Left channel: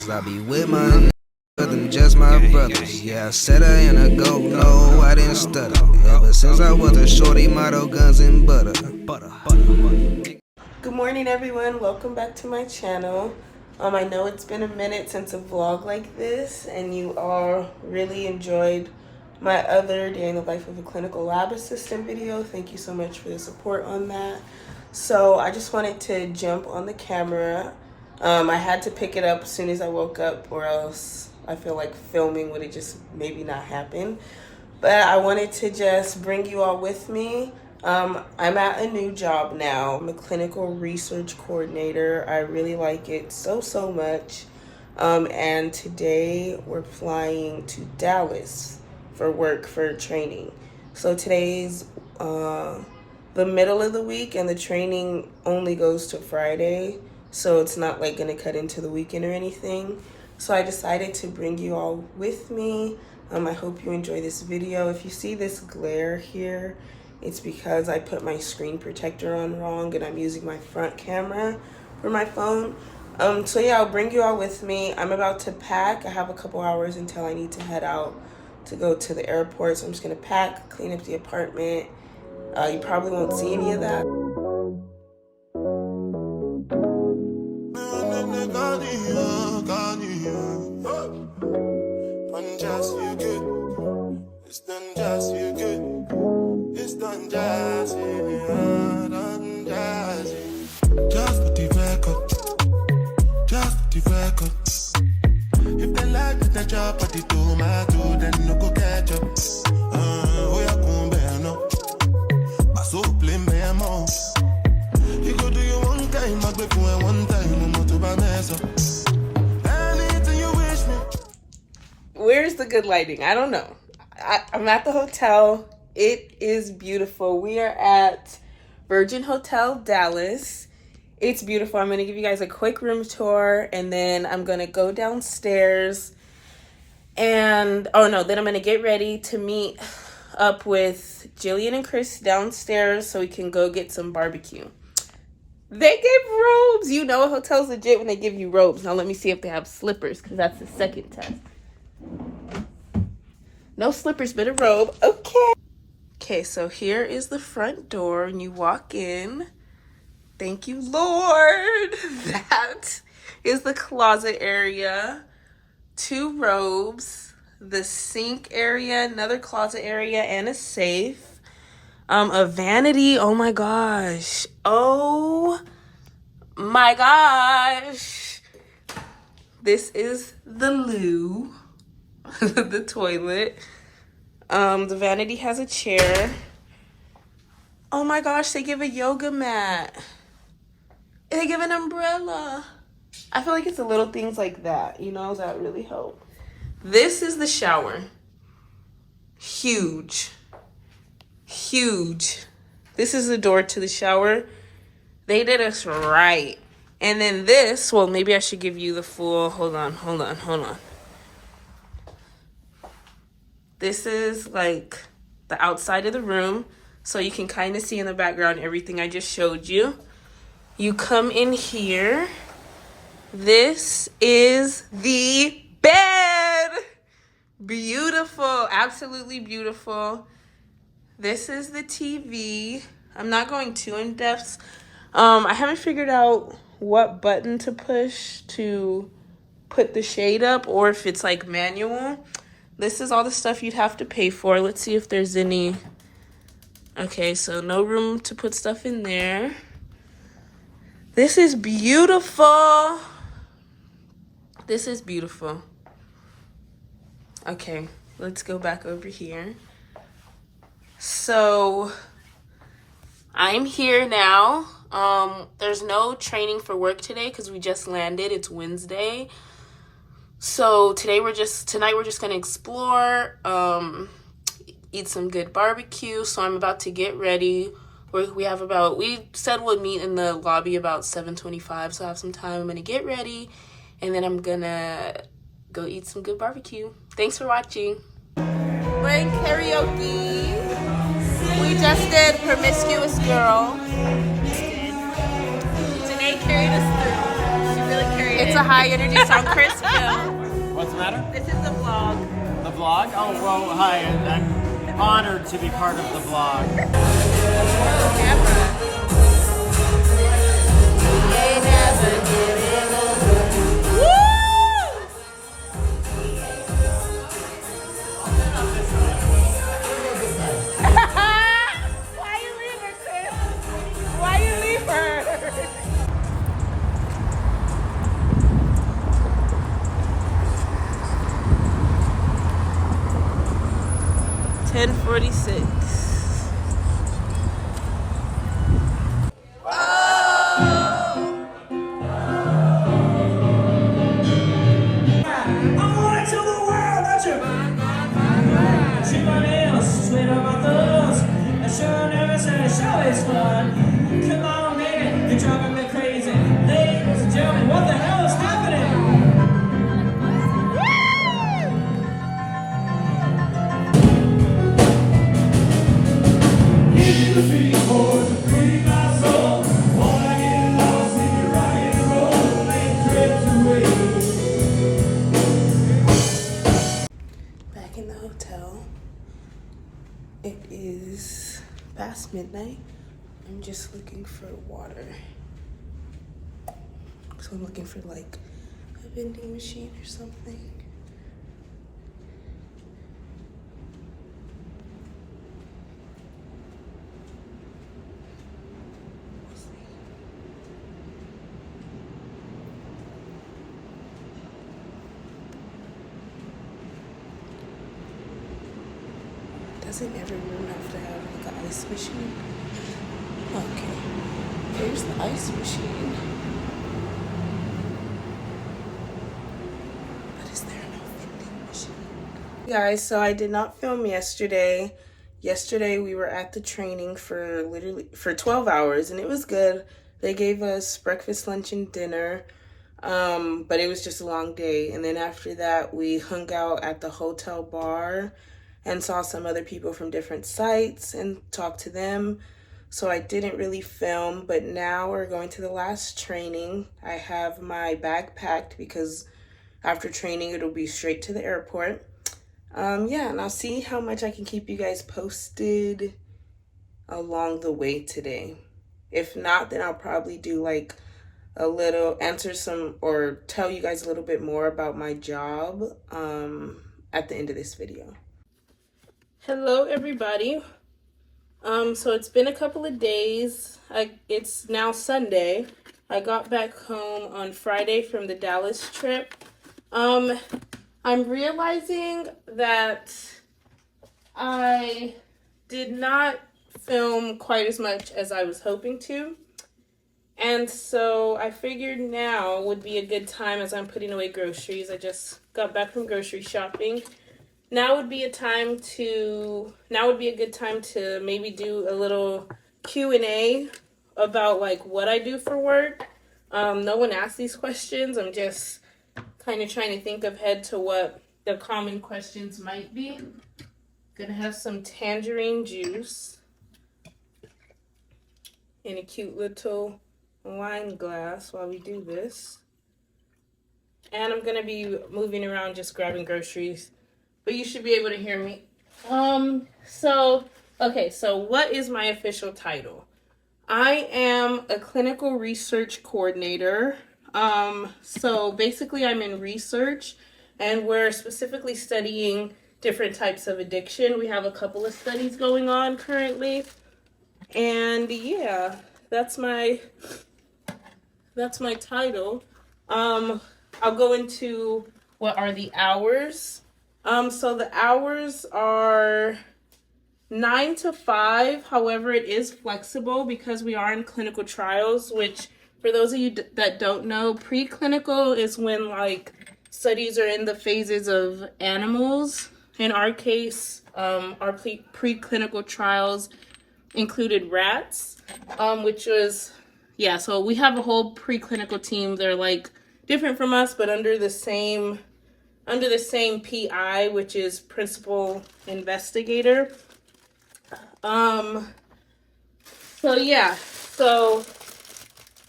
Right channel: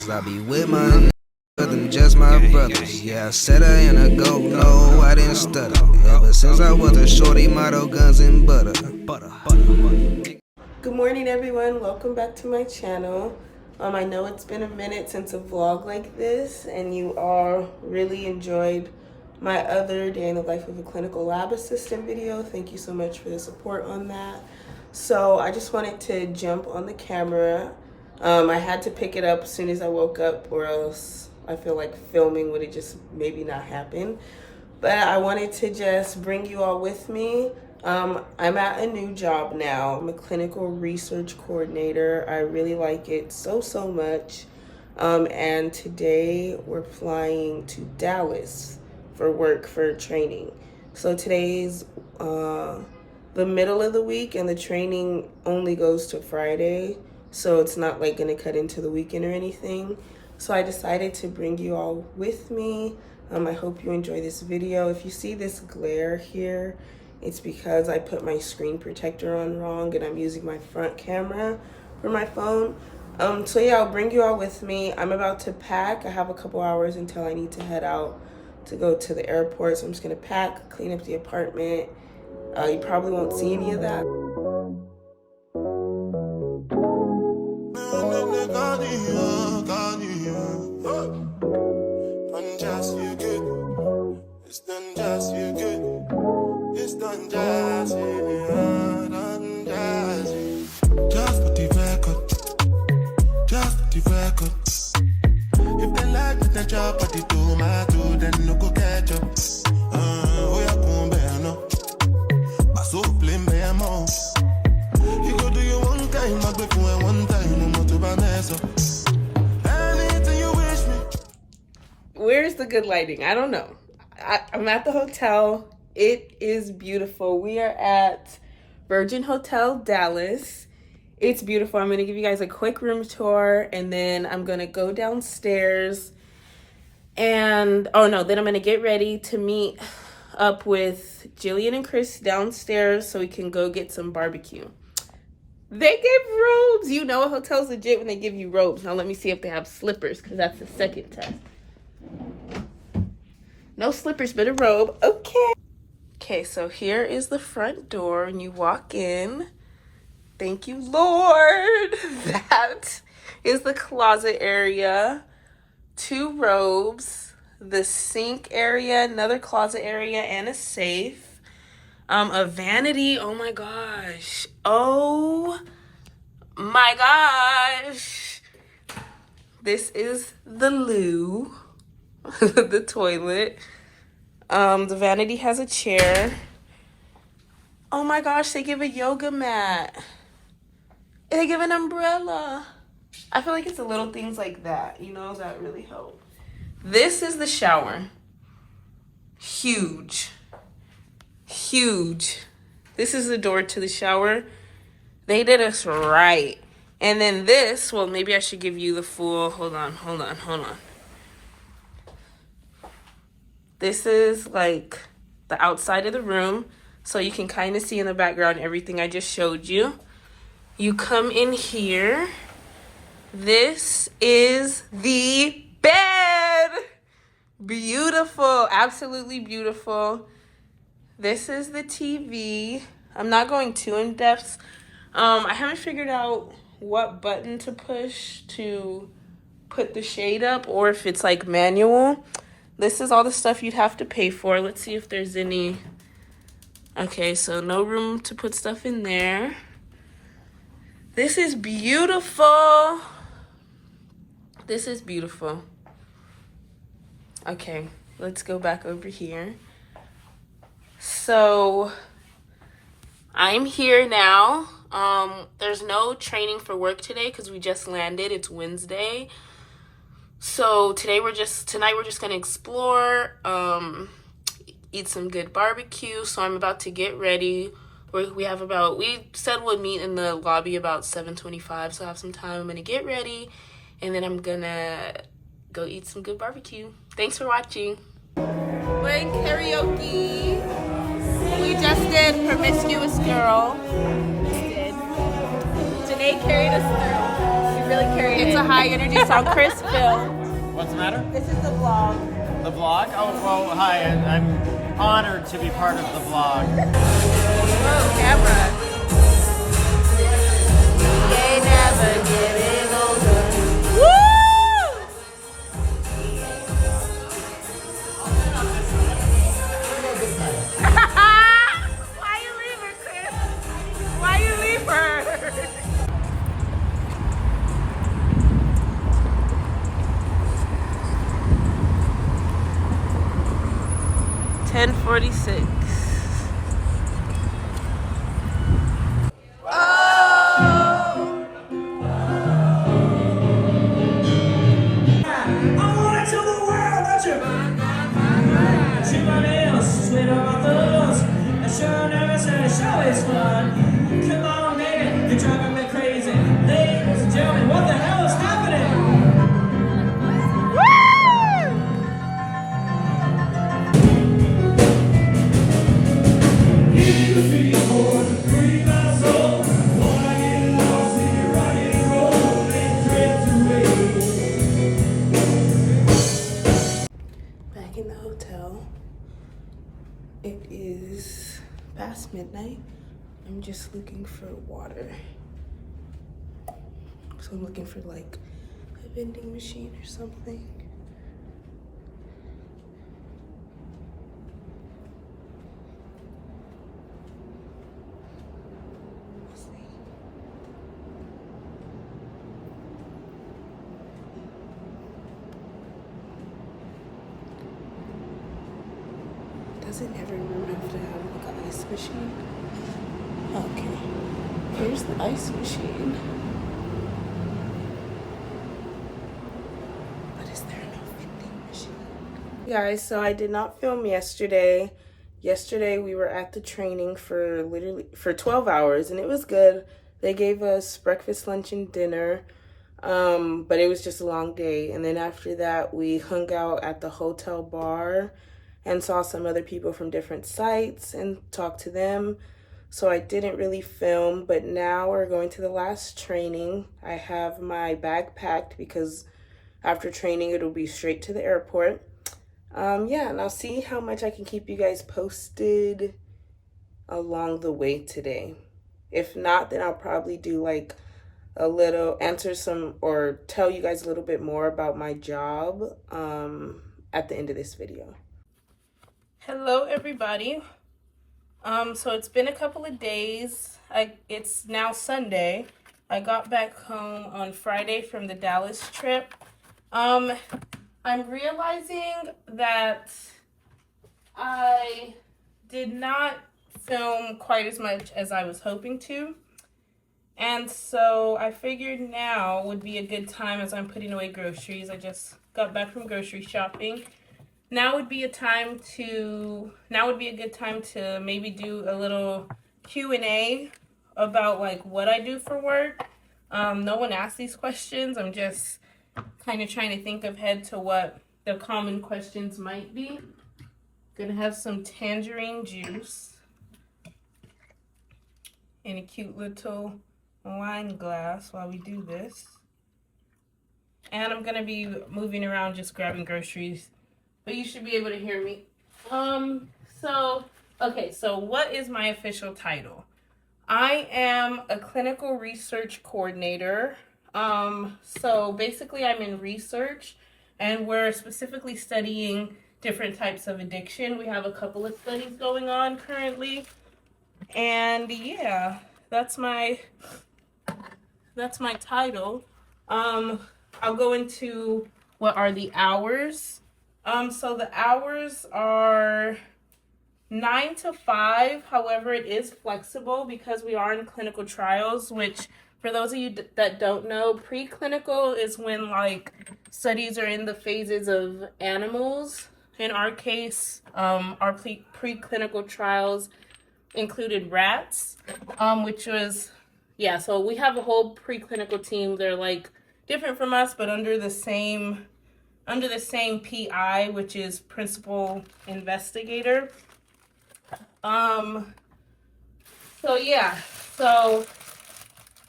I be with my niggas, them just my brothers. Yeah, I said I ain't a go, no, I didn't stutter. Ever since I was a shorty, motto guns and butter. Good morning, everyone. Welcome back to my channel. I know it's been a minute since a vlog like this, and you all really enjoyed my other day in the life of a clinical lab assistant video. Thank you so much for the support on that. So I just wanted to jump on the camera. I had to pick it up as soon as I woke up, or else I feel like filming would have just maybe not happened. But I wanted to just bring you all with me. I'm at a new job now. I'm a clinical research coordinator. I really like it so much. And today we're flying to Dallas for work, for training. So today's the middle of the week, and the training only goes to Friday. So it's not like gonna cut into the weekend or anything. So I decided to bring you all with me. I hope you enjoy this video. If you see this glare here, it's because I put my screen protector on wrong and I'm using my front camera for my phone. So yeah, I'll bring you all with me. I'm about to pack. I have a couple hours until I need to head out to go to the airport. So I'm just gonna pack, clean up the apartment. You probably won't see any of that. It's done just you good. It's done just you, done just you. Just for the record. Just for the record. If they like with the job at the tomato, then no go catch up. Oh, yeah, come bear no. I so blame me more. You go do your one time, I go for one time, I'm to buy mess up. Anything you wish me. Where's the good lighting? I don't know. I'm at the hotel. It is beautiful. We are at Virgin Hotel Dallas. It's beautiful. I'm going to give you guys a quick room tour, and then I'm going to go downstairs and then I'm going to get ready to meet up with Jillian and Chris downstairs so we can go get some barbecue. They give robes. You know a hotel's legit when they give you robes. Now let me see if they have slippers, because that's the second test. No slippers, but a robe. Okay, so here is the front door and you walk in. Thank you, Lord. That is the closet area. 2 robes, the sink area, another closet area, and a safe. A vanity. Oh my gosh. Oh my gosh. This is the loo. The toilet. The vanity has a chair. Oh my gosh, they give a yoga mat. They give an umbrella. I feel like it's the little things like that, that really help. This is the shower. Huge. This is the door to the shower. They did us right. And then this, well, maybe I should give you the full, hold on. This is like the outside of the room, so you can kind of see in the background everything I just showed you. You come in here. This is the bed. Beautiful, absolutely beautiful. This is the TV. I'm not going too in depth. I haven't figured out what button to push to put the shade up, or if it's like manual. This is all the stuff you'd have to pay for. Let's see if there's any. Okay, so no room to put stuff in there. This is beautiful. Okay, let's go back over here. So I'm here now. There's no training for work today because we just landed. It's Wednesday. So tonight we're just gonna explore, eat some good barbecue. So I'm about to get ready. We said we'd meet in the lobby about 7:25, so I have some time. I'm gonna get ready, and then I'm gonna go eat some good barbecue. Thanks for watching. We're in karaoke. We just did Promiscuous Girl. Janae carried us through. She really carried It's a high energy song. Chris, What's the matter? this is the vlog. The vlog? Oh, well, hi. I'm honored to be part of the vlog. Oh, camera. They never give it over. Woo! Why you leave her, Chris? Why you leave her? 10:46. Back in the hotel. It is past midnight. I'm just looking for water. So I'm looking for like a vending machine or something. We'll see. Doesn't every room have to have like an ice machine? Okay. There's the ice machine. But is there no vending machine? Guys, so I did not film yesterday. Yesterday we were at the training for 12 hours and it was good. They gave us breakfast, lunch, and dinner. But it was just a long day. And then after that we hung out at the hotel bar and saw some other people from different sites and talked to them. So I didn't really film, but now we're going to the last training. I have my bag packed because after training, it'll be straight to the airport. Yeah, and I'll see how much I can keep you guys posted along the way today. If not, then I'll probably do like a little, answer some, or tell you guys a little bit more about my job at the end of this video. Hello everybody. So it's been a couple of days. It's now Sunday. I got back home on Friday from the Dallas trip. I'm realizing that I did not film quite as much as I was hoping to. And so I figured now would be a good time as I'm putting away groceries. I just got back from grocery shopping. Now would be a good time to maybe do a little Q&A about like what I do for work. No one asked these questions. I'm just kind of trying to think ahead to what the common questions might be. Gonna have some tangerine juice in a cute little wine glass while we do this. And I'm gonna be moving around just grabbing groceries. But you should be able to hear me. So what is my official title? I am a clinical research coordinator. So basically I'm in research and we're specifically studying different types of addiction. We have a couple of studies going on currently. And yeah, that's my title. I'll go into what are the hours. So the hours are 9 to 5. However, it is flexible because we are in clinical trials, which for those of you that don't know, preclinical is when like studies are in the phases of animals. In our case, our preclinical trials included rats, which was, yeah, so we have a whole preclinical team. They're like different from us, but under the same PI, which is principal investigator. So yeah, so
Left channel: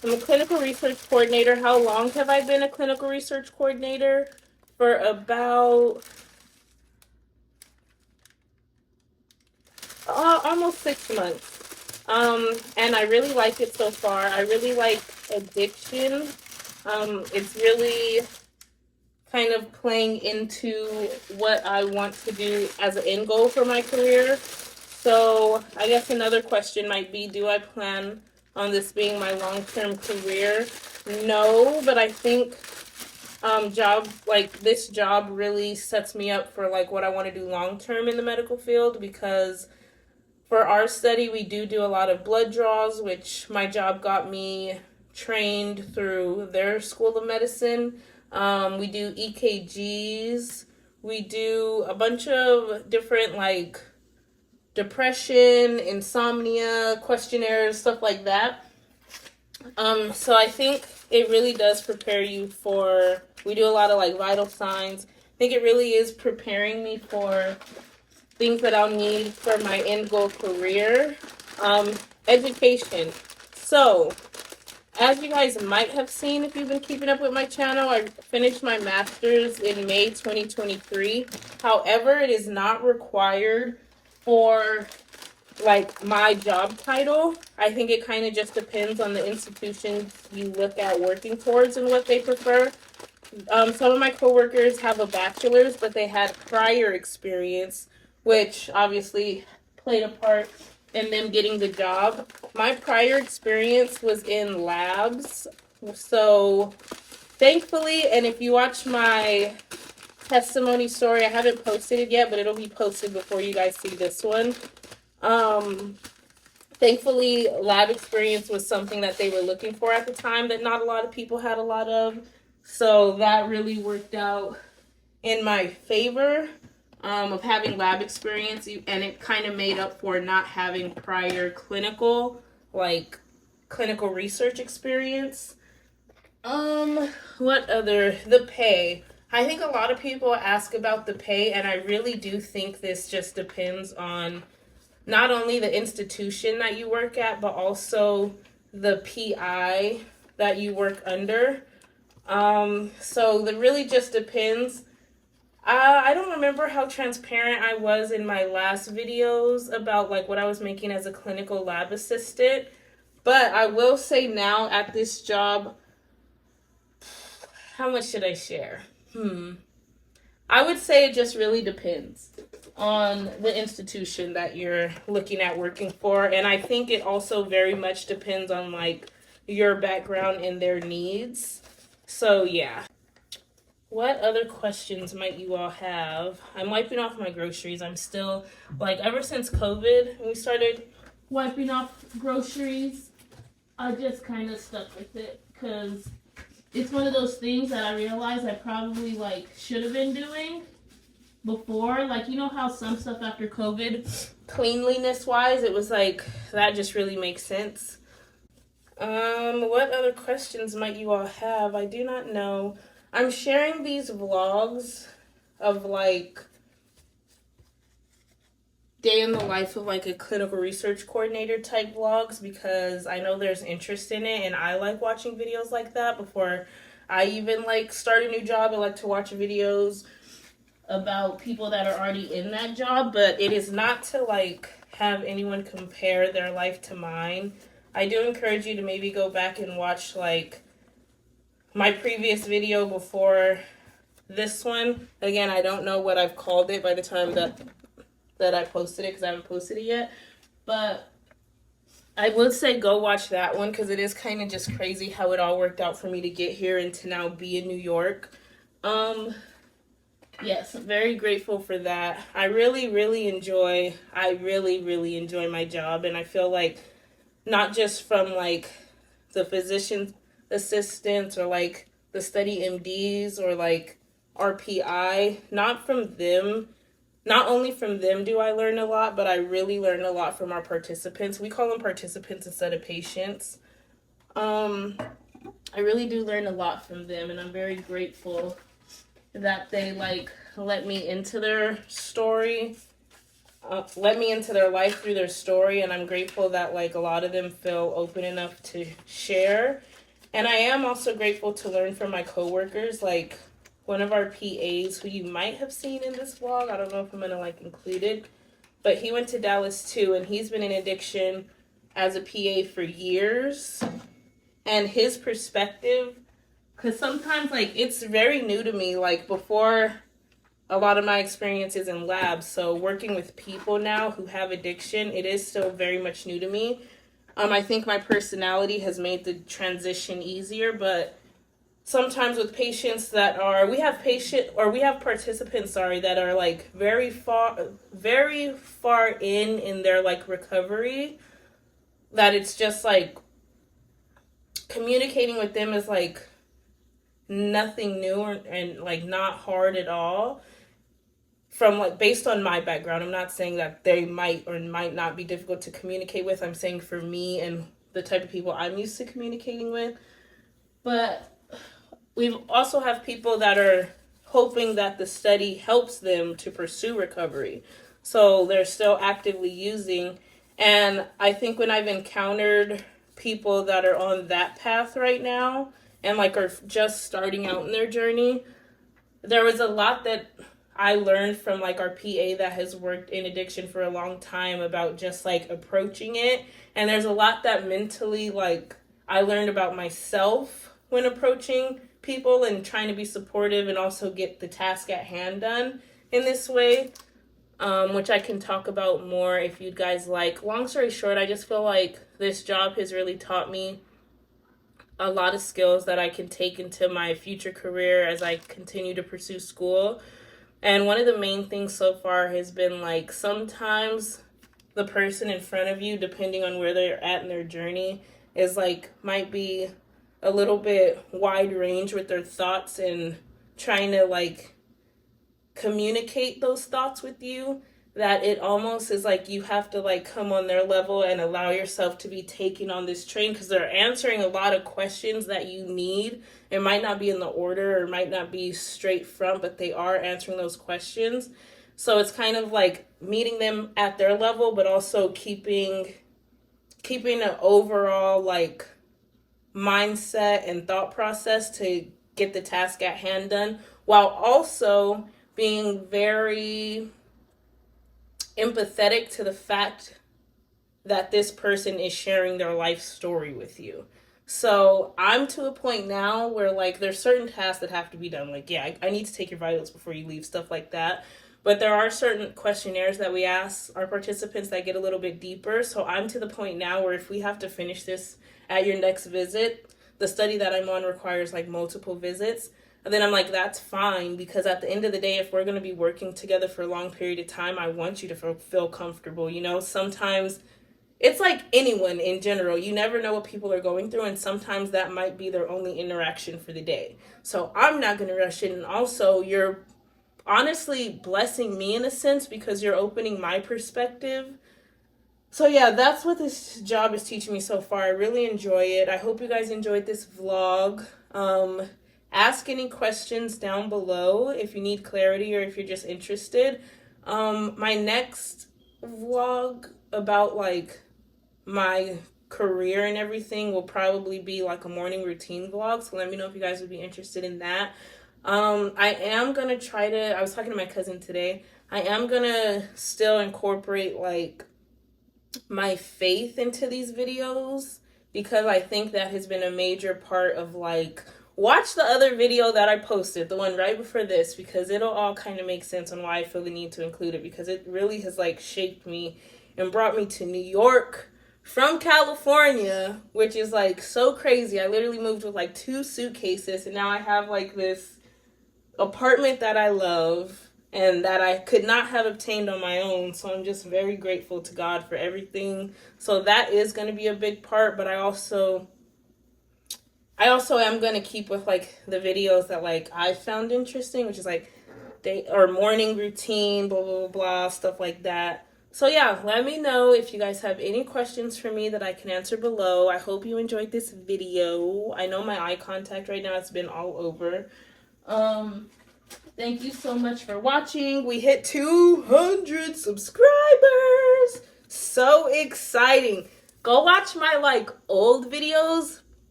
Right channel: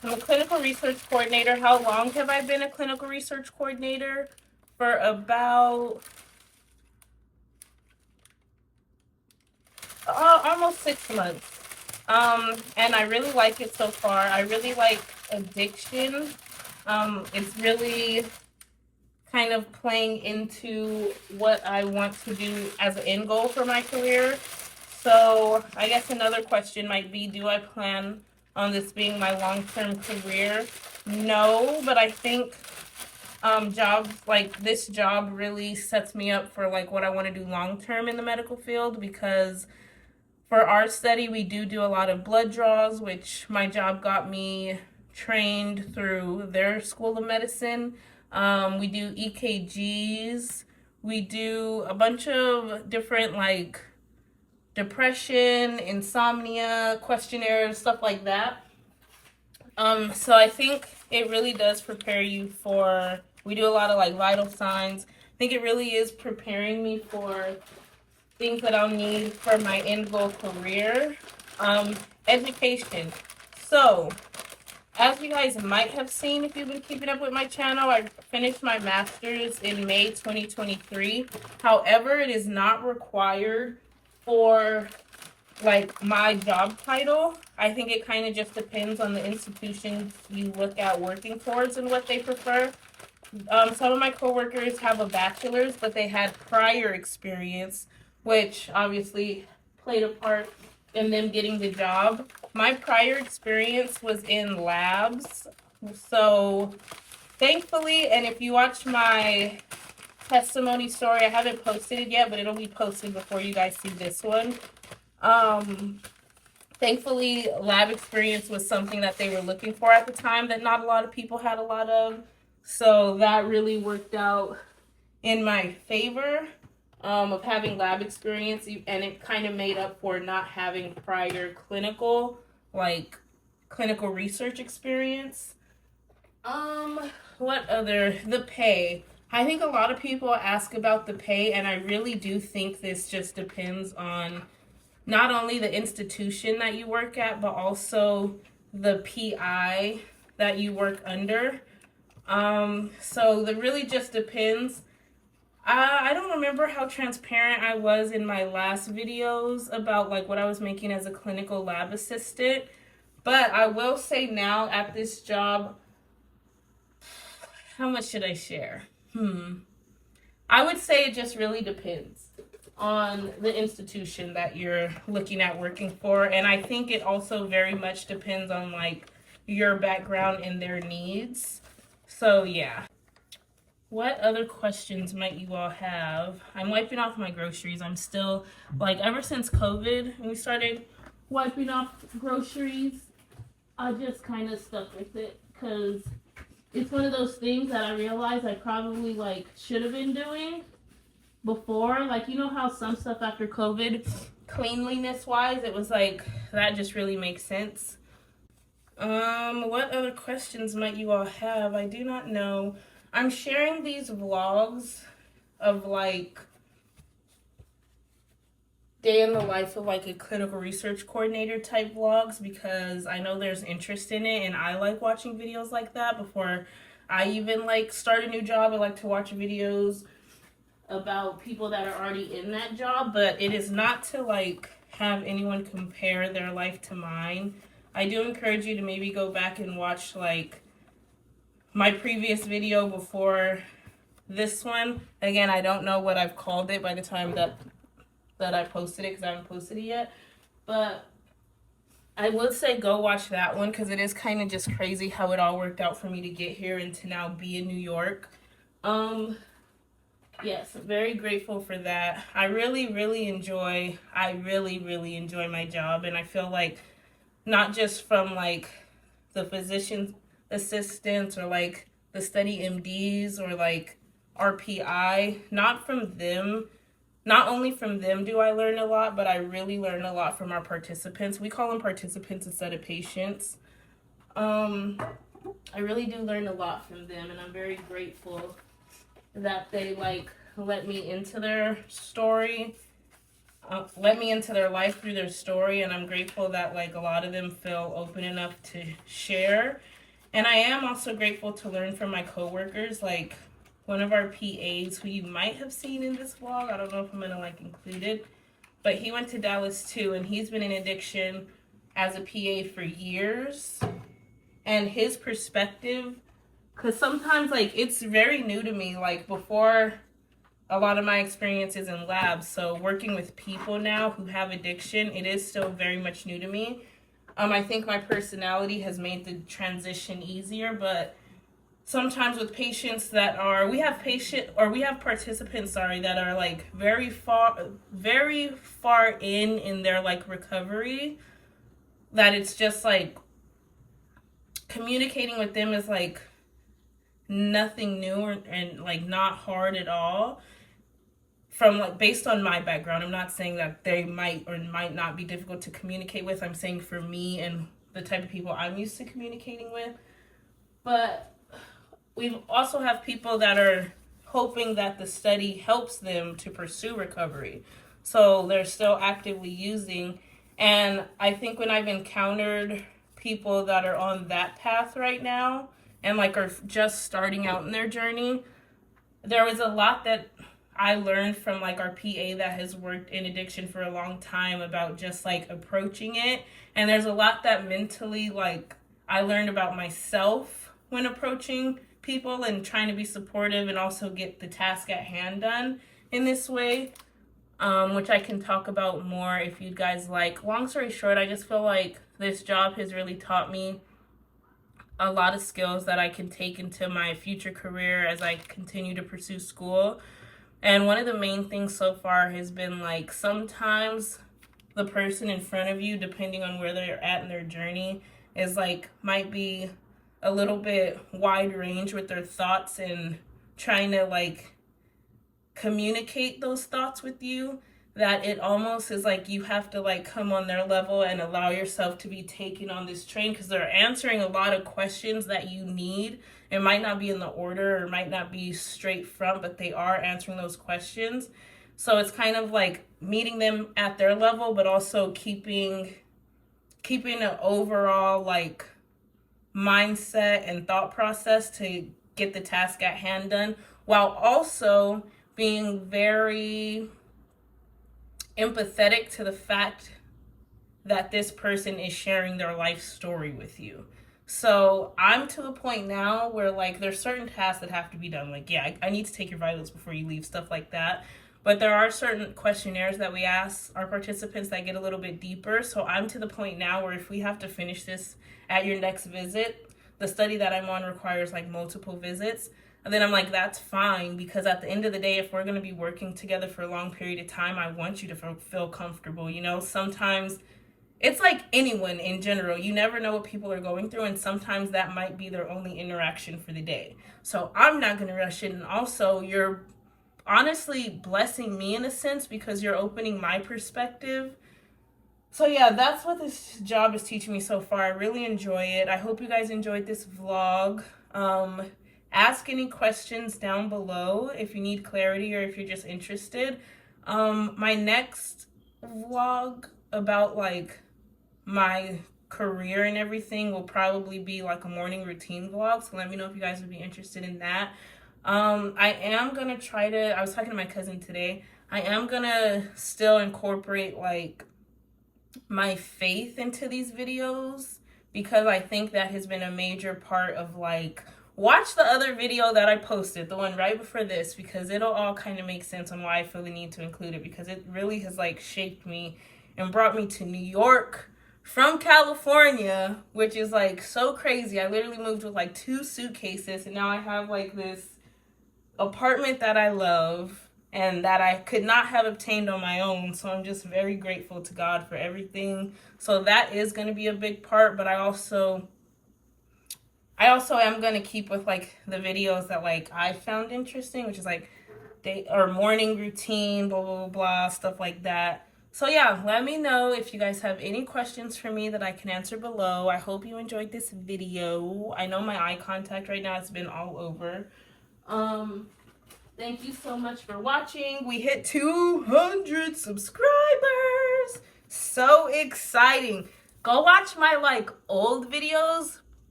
I'm a clinical research coordinator. How long have I been a clinical research coordinator? For about almost 6 months. And I really like it so far. I really like addiction. It's really kind of playing into what I want to do as an end goal for my career. So I guess another question might be, do I plan on this being my long-term career? No, but I think this job really sets me up for like what I want to do long-term in the medical field, because for our study, we do a lot of blood draws, which my job got me trained through their school of medicine. We do EKGs. We do a bunch of different like depression, insomnia, questionnaires, stuff like that. So I think it really does prepare you for, we do a lot of like vital signs. I think it really is preparing me for things that I'll need for my end goal career. Education. So, as you guys might have seen if you've been keeping up with my channel, I finished my master's in May 2023. However, it is not required for like my job title. I think it kind of just depends on the institutions you look at working towards and what they prefer. Some of my coworkers have a bachelor's, but they had prior experience, which obviously played a part in them getting the job. My prior experience was in labs. So thankfully, and if you watch my testimony story, I haven't posted it yet, but it'll be posted before you guys see this one. Thankfully, lab experience was something that they were looking for at the time that not a lot of people had a lot of. So that really worked out in my favor. Of having lab experience, and it kind of made up for not having prior clinical research experience. What other? The pay. I think a lot of people ask about the pay, and I really do think this just depends on not only the institution that you work at, but also the PI that you work under. So that really just depends. I don't remember how transparent I was in my last videos about like what I was making as a clinical lab assistant, but I will say now at this job, how much should I share? I would say it just really depends on the institution that you're looking at working for, and I think it also very much depends on like your background and their needs. So yeah. What other questions might you all have? I'm wiping off my groceries. I'm still, like, ever since COVID, when we started wiping off groceries, I just kind of stuck with it, because it's one of those things that I realized I probably, like, should have been doing before. Like, you know how some stuff after COVID, cleanliness-wise, it was like, that just really makes sense. What other questions might you all have? I do not know. I'm sharing these vlogs of like day in the life of like a clinical research coordinator type vlogs, because I know there's interest in it and I like watching videos like that. Before I even like start a new job, I like to watch videos about people that are already in that job, but it is not to like have anyone compare their life to mine. I do encourage you to maybe go back and watch like my previous video before this one. And again, I don't know what I've called it by the time that I posted it, because I haven't posted it yet. But I would say go watch that one, because it is kind of just crazy how it all worked out for me to get here and to now be in New York. Yes, I'm very grateful for that. I really enjoy my job, and I feel like not just from like the physician assistants or like the study MDs or like RPI, not only from them do I learn a lot, but I really learn a lot from our participants. We call them participants instead of patients. I really do learn a lot from them, and I'm very grateful that they like let me into their story, let me into their life through their story, and I'm grateful that like a lot of them feel open enough to share. And I am also grateful to learn from my coworkers, like one of our PAs who you might have seen in this vlog. I don't know if I'm gonna like include it, but he went to Dallas too, and he's been in addiction as a PA for years. And his perspective, because sometimes like it's very new to me, like before a lot of my experiences in labs, so working with people now who have addiction, it is still very much new to me. I think my personality has made the transition easier, but sometimes with patients that are, we have participants, that are like very far in their like recovery, that it's just like communicating with them is like nothing new and like not hard at all. From like, based on my background, I'm not saying that they might or might not be difficult to communicate with. I'm saying for me and the type of people I'm used to communicating with. But we also have people that are hoping that the study helps them to pursue recovery. So they're still actively using. And I think when I've encountered people that are on that path right now and like are just starting out in their journey, there was a lot that I learned from like our PA that has worked in addiction for a long time about just like approaching it. And there's a lot that mentally like I learned about myself when approaching people and trying to be supportive and also get the task at hand done in this way, which I can talk about more if you guys like. Long story short, I just feel like this job has really taught me a lot of skills that I can take into my future career as I continue to pursue school. And one of the main things so far has been like sometimes the person in front of you, depending on where they're at in their journey, is like might be a little bit wide range with their thoughts and trying to like communicate those thoughts with you, that it almost is like you have to like come on their level and allow yourself to be taken on this train, because they're answering a lot of questions that you need. It might not be in the order or might not be straight front, but they are answering those questions. So it's kind of like meeting them at their level, but also keeping an overall like mindset and thought process to get the task at hand done, while also being very empathetic to the fact that this person is sharing their life story with you. So I'm to a point now where like there's certain tasks that have to be done. Like, yeah, I need to take your vitals before you leave, stuff like that. But there are certain questionnaires that we ask our participants that get a little bit deeper. So I'm to the point now where if we have to finish this at your next visit, the study that I'm on requires like multiple visits. And then I'm like, that's fine, because at the end of the day, if we're going to be working together for a long period of time, I want you to feel comfortable. You know, sometimes it's like anyone in general, you never know what people are going through, and sometimes that might be their only interaction for the day. So I'm not going to rush it. And also, you're honestly blessing me in a sense because you're opening my perspective. So yeah, that's what this job is teaching me so far. I really enjoy it. I hope you guys enjoyed this vlog. Ask any questions down below if you need clarity or if you're just interested. My next vlog about like my career and everything will probably be like a morning routine vlog. So let me know if you guys would be interested in that. I am going to try to, I was talking to my cousin today, I am going to still incorporate like my faith into these videos, because I think that has been a major part of like, watch the other video that I posted, the one right before this, because it'll all kind of make sense on why I feel the need to include it, because it really has like shaped me and brought me to New York from California, which is like so crazy. I literally moved with like 2 suitcases, and now I have like this apartment that I love and that I could not have obtained on my own. So I'm just very grateful to God for everything. So that is going to be a big part, but I also am going to keep with like the videos that like I found interesting, which is like morning routine, blah, blah, blah, stuff like that. So yeah, let me know if you guys have any questions for me that I can answer below. I hope you enjoyed this video. I know my eye contact right now has been all over. Thank you so much for watching. We hit 200 subscribers. So exciting. Go watch my like old videos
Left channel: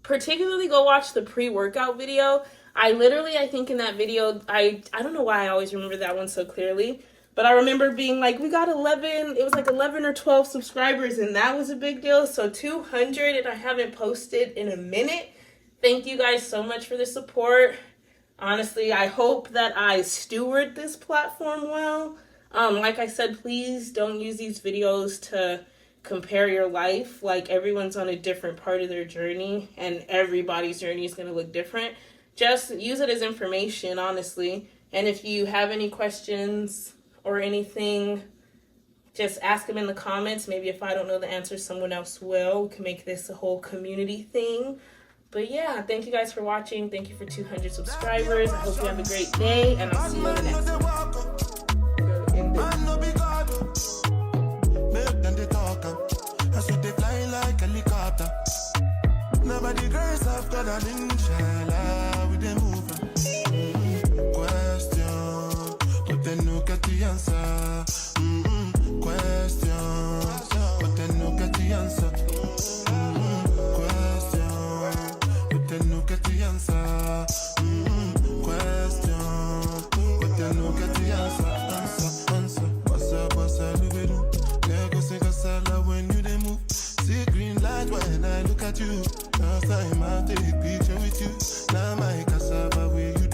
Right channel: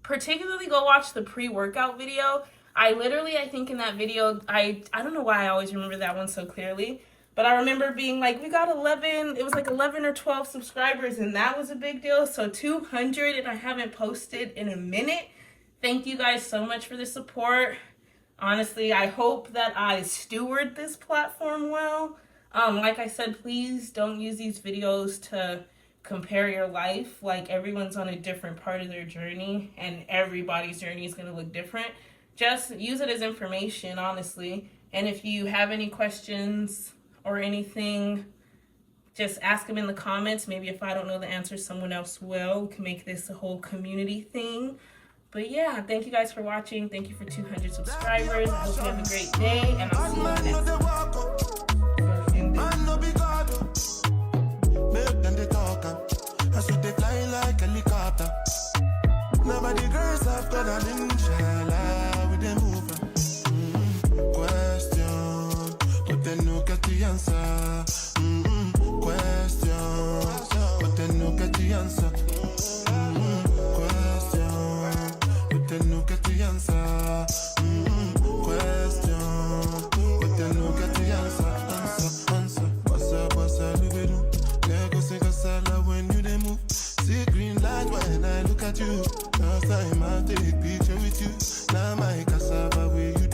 particularly go watch the pre-workout video. I think in that video, I don't know why I always remember that one so clearly, but I remember being like, we got 11, it was like 11 or 12 subscribers, and that was a big deal. So 200, and I haven't posted in a minute. Thank you guys so much for the support. Honestly, I hope that I steward this platform well. Like I said, please don't use these videos to compare your life. Like, everyone's on a different part of their journey, and everybody's journey is going to look different. Just use it as information, honestly. And if you have any questions or anything, just ask them in the comments. Maybe if I don't know the answer, someone else will. We can make this a whole community thing. But yeah, thank you guys for watching. Thank you for 200 subscribers. I hope you have a great day, and I'll see you in the next one. Man no be God, make them they talk, I should they fly like helicopter. Nobody girls have got an inshallah with them moving. Question, but then no get the answer. Question, but then no get the answer. Question, but then no get the answer. Question, but then no get the answer. Answer. Bossa, libido. Lego sing a sala when you they move. See green light when I look at you. Last time I take picture with you. Now my cassava with you.